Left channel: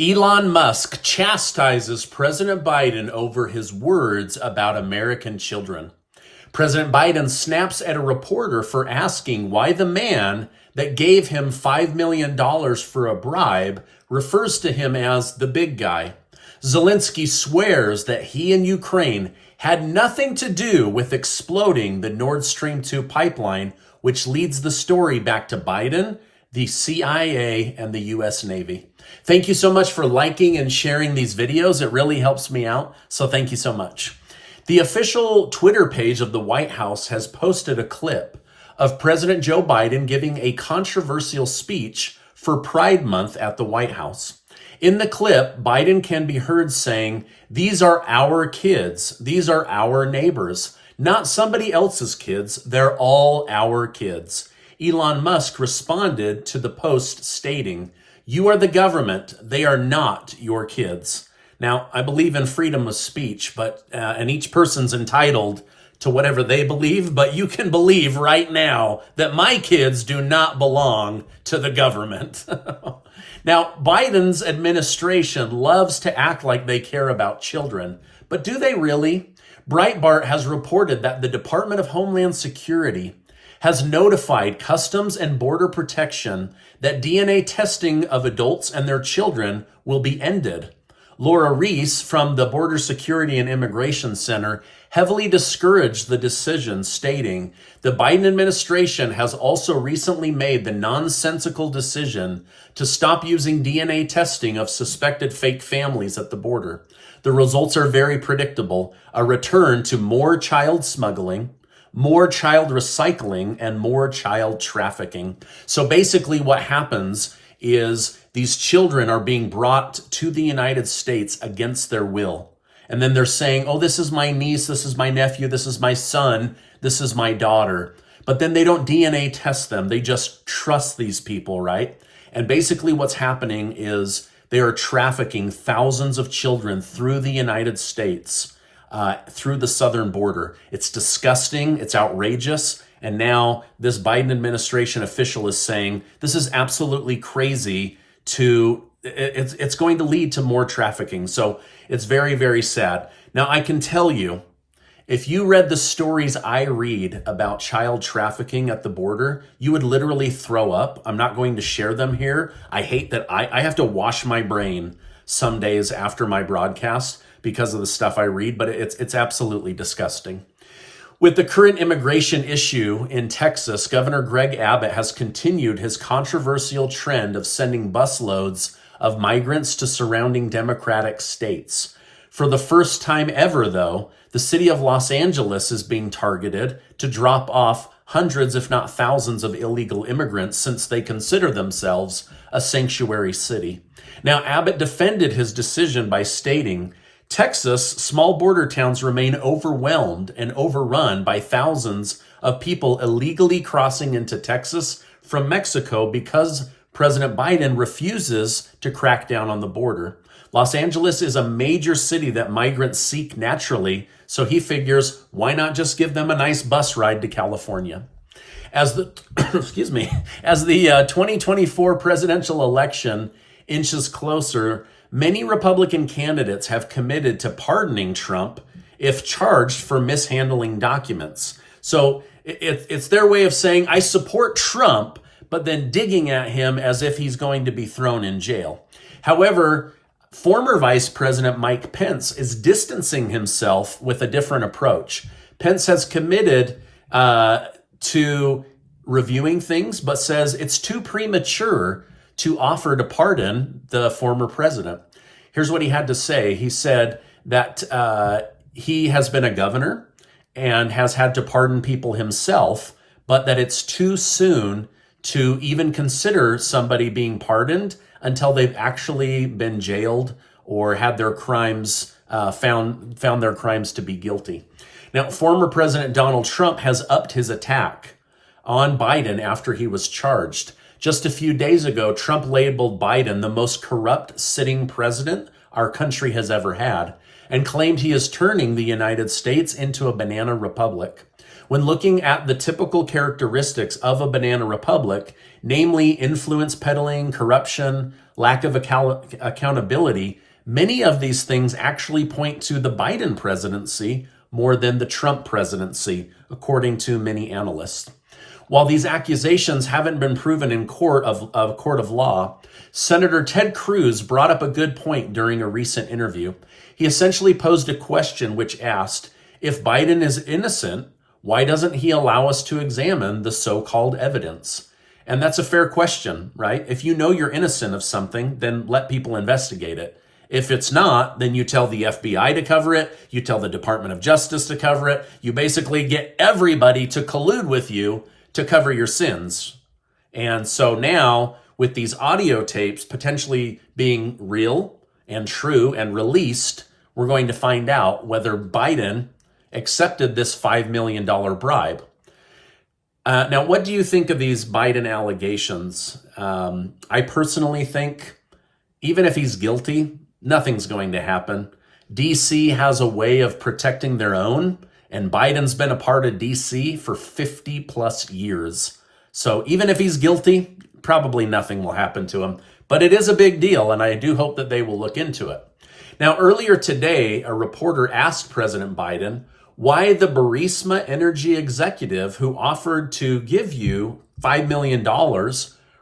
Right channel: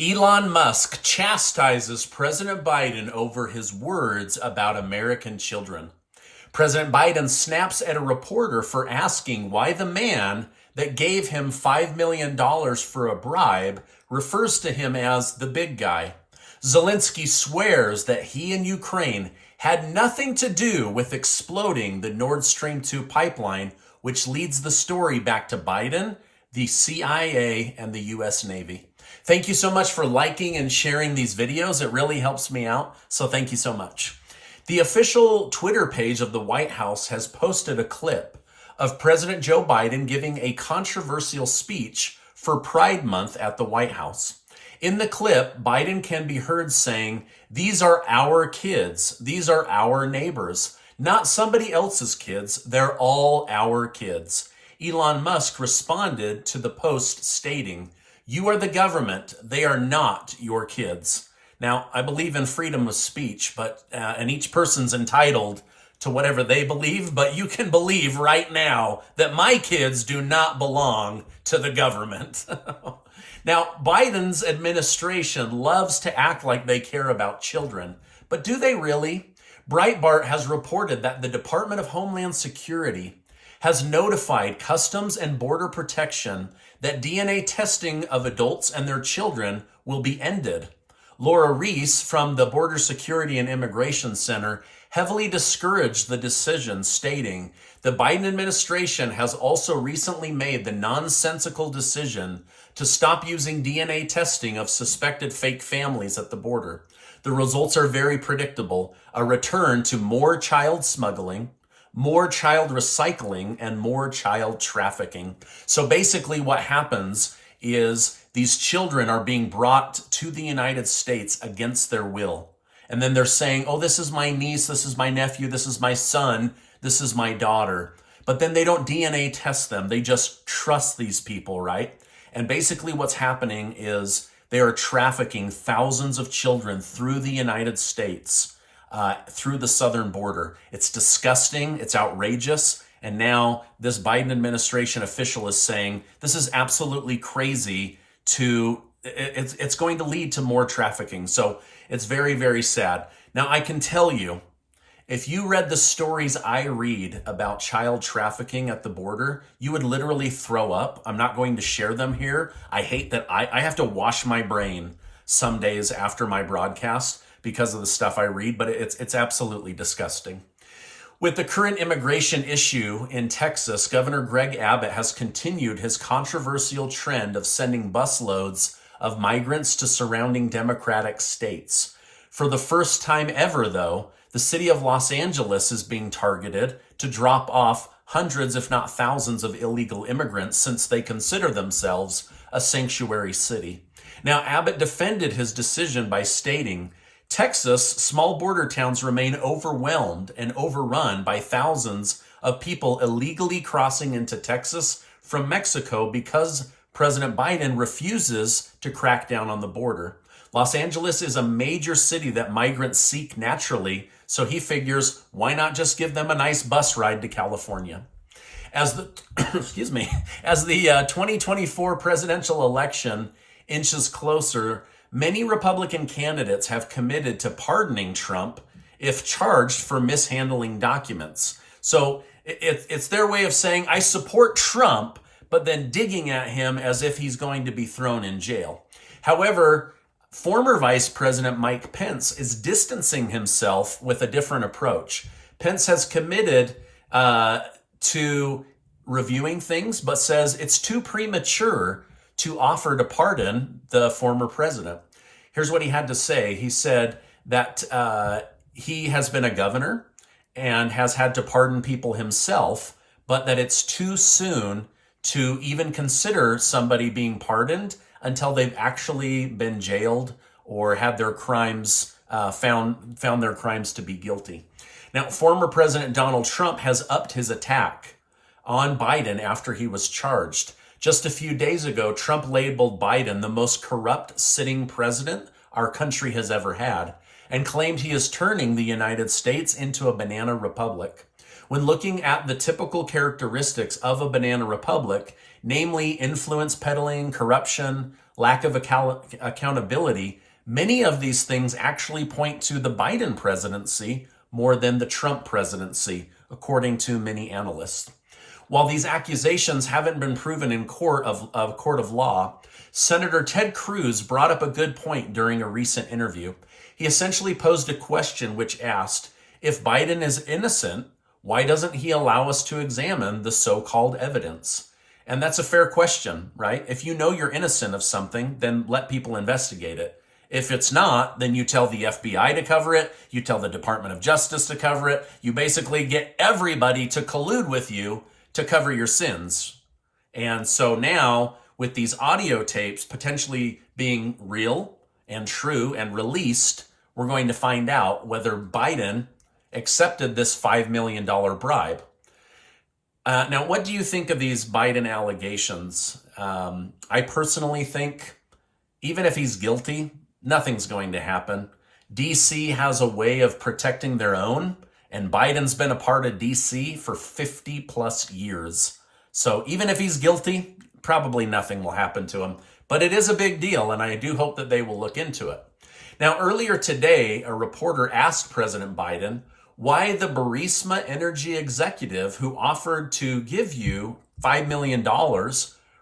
Elon Musk chastises President Biden over his words about American children. President Biden snaps at a reporter for asking why the man that gave him $5 million for a bribe refers to him as the big guy. Zelenskyy swears that he and Ukraine had nothing to do with exploding the Nord Stream 2 pipeline, which leads the story back to Biden, the CIA, and the U.S. Navy. Thank you so much for liking and sharing these videos. It really helps me out, so thank you so much. The official Twitter page of the White House has posted a clip of President Joe Biden giving a controversial speech for Pride Month at the White House. In the clip, Biden can be heard saying, "These are our kids. These are our neighbors, not somebody else's kids. They're all our kids." Elon Musk responded to the post stating, "You are the government. They are not your kids." Now, I believe in freedom of speech, and each person's entitled to whatever they believe, but you can believe right now that my kids do not belong to the government. Now, Biden's administration loves to act like they care about children, but do they really? Breitbart has reported that the Department of Homeland Security has notified Customs and Border Protection that DNA testing of adults and their children will be ended. Laura Reese from the Border Security and Immigration Center heavily discouraged the decision, stating, "The Biden administration has also recently made the nonsensical decision to stop using DNA testing of suspected fake families at the border. The results are very predictable: a return to more child smuggling, more child recycling, and more child trafficking." So basically what happens is these children are being brought to the United States against their will. And then they're saying, "Oh, this is my niece, this is my nephew, this is my son, this is my daughter." But then they don't DNA test them. They just trust these people, right? And basically what's happening is they are trafficking thousands of children through the United States, through the southern border. It's disgusting. It's outrageous. And now this Biden administration official is saying this is absolutely crazy. It's going to lead to more trafficking. So it's very, very sad. Now, I can tell you, if you read the stories I read about child trafficking at the border, you would literally throw up. I'm not going to share them here. I hate that I have to wash my brain some days after my broadcast because of the stuff I read, but it's absolutely disgusting. With the current immigration issue in Texas, Governor Greg Abbott has continued his controversial trend of sending busloads of migrants to surrounding Democratic states. For the first time ever, though, the city of Los Angeles is being targeted to drop off hundreds, if not thousands, of illegal immigrants since they consider themselves a sanctuary city. Now, Abbott defended his decision by stating, "Texas, small border towns remain overwhelmed and overrun by thousands of people illegally crossing into Texas from Mexico because President Biden refuses to crack down on the border. Los Angeles is a major city that migrants seek naturally, so he figures, why not just give them a nice bus ride to California?" As the 2024 presidential election inches closer, many Republican candidates have committed to pardoning Trump if charged for mishandling documents. So it's their way of saying, I support Trump, but then digging at him as if he's going to be thrown in jail. However, former Vice President Mike Pence is distancing himself with a different approach. Pence has committed to reviewing things, but says it's too premature to offer to pardon the former president. Here's what he had to say. He said that he has been a governor and has had to pardon people himself, but that it's too soon to even consider somebody being pardoned until they've actually been jailed or had their crimes found their crimes to be guilty. Now, former President Donald Trump has upped his attack on Biden after he was charged. Just a few days ago, Trump labeled Biden the most corrupt sitting president our country has ever had and claimed he is turning the United States into a banana republic. When looking at the typical characteristics of a banana republic, namely influence peddling, corruption, lack of accountability. Many of these things actually point to the Biden presidency more than the Trump presidency, according to many analysts. While these accusations haven't been proven in court of law, Senator Ted Cruz brought up a good point during a recent interview. He essentially posed a question which asked, if Biden is innocent, why doesn't he allow us to examine the so-called evidence? And that's a fair question, right? If you know you're innocent of something, then let people investigate it. If it's not, then you tell the FBI to cover it, you tell the Department of Justice to cover it, you basically get everybody to collude with you to cover your sins. And so now, with these audio tapes potentially being real and true and released, we're going to find out whether Biden accepted this $5 million bribe. Now, what do you think of these Biden allegations? I personally think, even if he's guilty, nothing's going to happen. DC has a way of protecting their own, and Biden's been a part of DC for 50 plus years. So even if he's guilty, probably nothing will happen to him. But it is a big deal, and I do hope that they will look into it. Now, earlier today, a reporter asked President Biden why the Burisma energy executive who offered to give you $5 million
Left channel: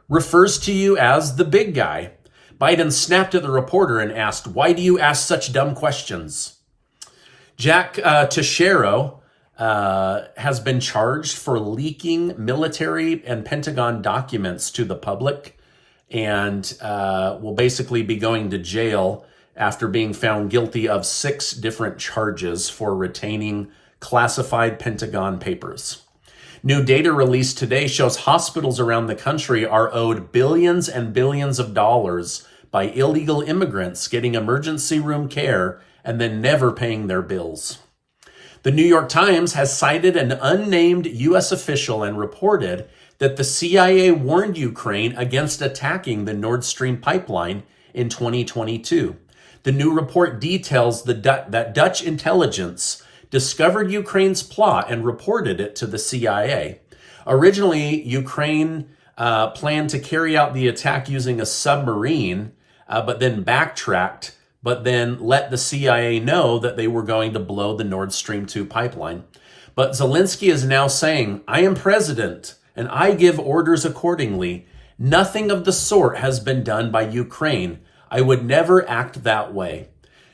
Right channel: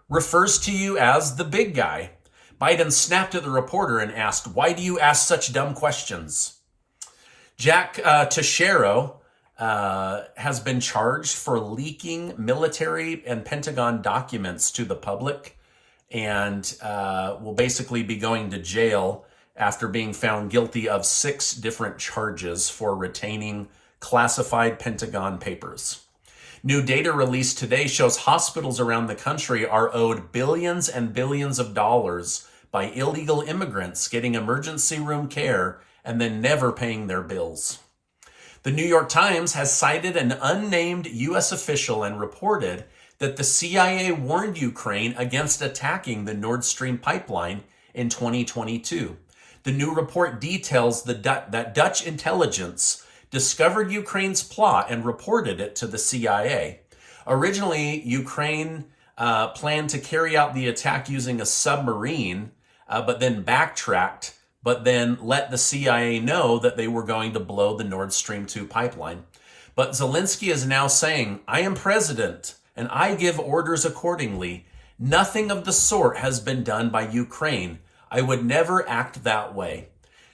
refers to you as the big guy. Biden snapped at the reporter and asked, why do you ask such dumb questions? Jack Teixeira has been charged for leaking military and Pentagon documents to the public and will basically be going to jail after being found guilty of 6 different charges for retaining classified Pentagon papers. New data released today shows hospitals around the country are owed billions and billions of dollars by illegal immigrants getting emergency room care and then never paying their bills. The New York Times has cited an unnamed U.S. official and reported that the CIA warned Ukraine against attacking the Nord Stream pipeline in 2022. The new report details that Dutch intelligence discovered Ukraine's plot and reported it to the CIA. Originally, Ukraine planned to carry out the attack using a submarine, but then backtracked, but then let the CIA know that they were going to blow the Nord Stream 2 pipeline. But Zelenskyy is now saying, I am president, and I give orders accordingly. Nothing of the sort has been done by Ukraine. I would never act that way.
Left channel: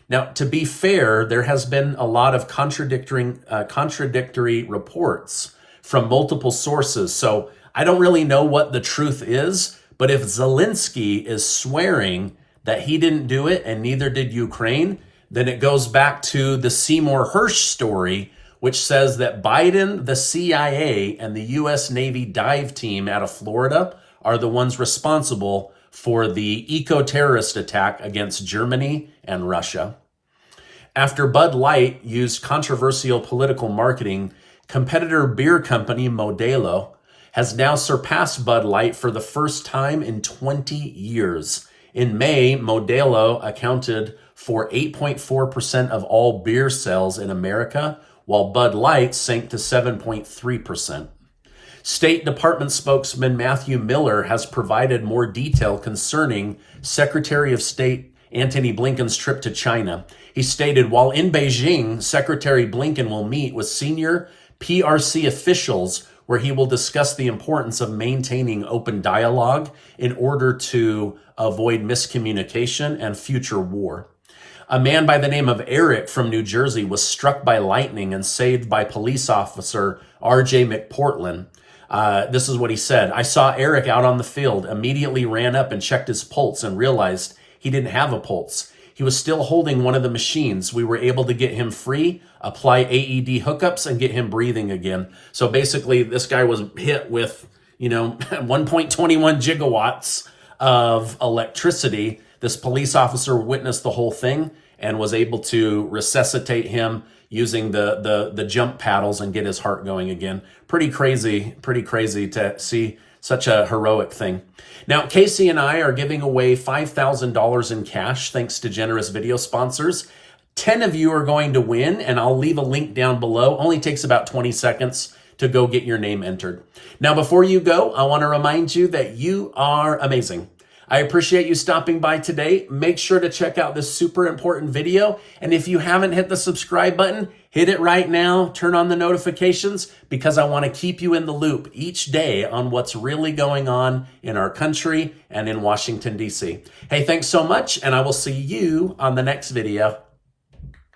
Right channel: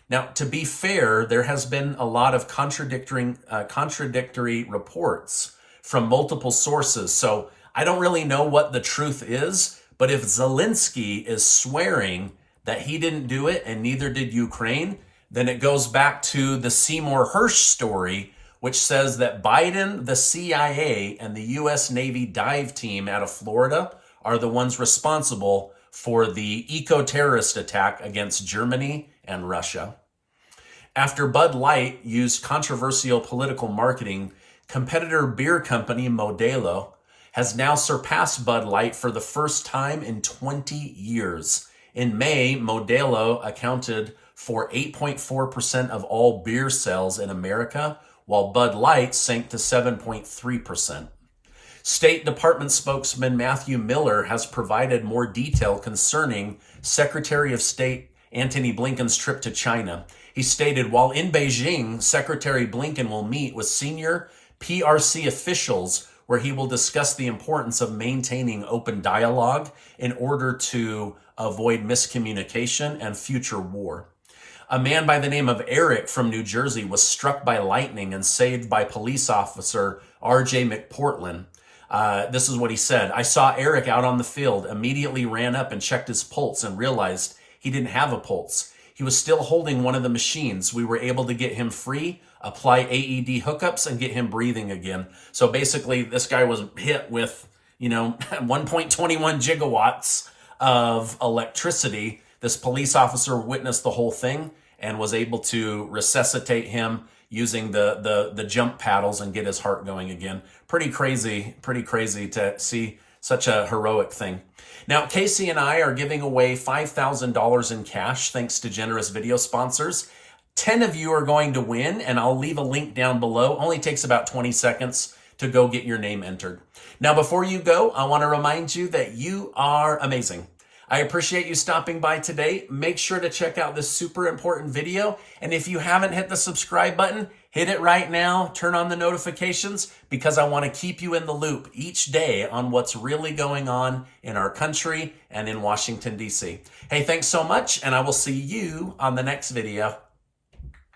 Now, to be fair, there has been a lot of contradictory reports from multiple sources. So I don't really know what the truth is, but if Zelenskyy is swearing that he didn't do it and neither did Ukraine, then it goes back to the Seymour Hersh story, which says that Biden, the CIA, and the U.S. Navy dive team out of Florida are the ones responsible for the eco-terrorist attack against Germany and Russia. After Budlight used controversial political marketing, competitor beer company Modelo has now surpassed Budlight for the first time in 20 years. In May, Modelo accounted for 8.4% of all beer sales in America, while Bud Light sank to 7.3%. State Department spokesman Matthew Miller has provided more detail concerning Secretary of State Antony Blinken's trip to China. He stated, while in Beijing, Secretary Blinken will meet with senior PRC officials where he will discuss the importance of maintaining open dialogue in order to avoid miscommunication and future war. A man by the name of Eric from New Jersey was struck by lightning and saved by police officer R.J. McPortland. This is what he said. I saw Eric out on the field, immediately ran up and checked his pulse and realized he didn't have a pulse. He was still holding one of the machines. We were able to get him free, apply AED hookups, and get him breathing again. So basically, this guy was hit with, 1.21 gigawatts of electricity. This police officer witnessed the whole thing and was able to resuscitate him using the jump paddles and get his heart going again. Pretty crazy to see such a heroic thing. Now, Casey and I are giving away $5,000 in cash thanks to generous video sponsors. 10 of you are going to win, and I'll leave a link down below. Only takes about 20 seconds to go get your name entered. Now, before you go, I want to remind you that you are amazing. I appreciate you stopping by today. Make sure to check out this super important video. And if you haven't hit the subscribe button, hit it right now. Turn on the notifications because I want to keep you in the loop each day on what's really going on in our country and in Washington, D.C. Hey, thanks so much, and I will see you on the next video.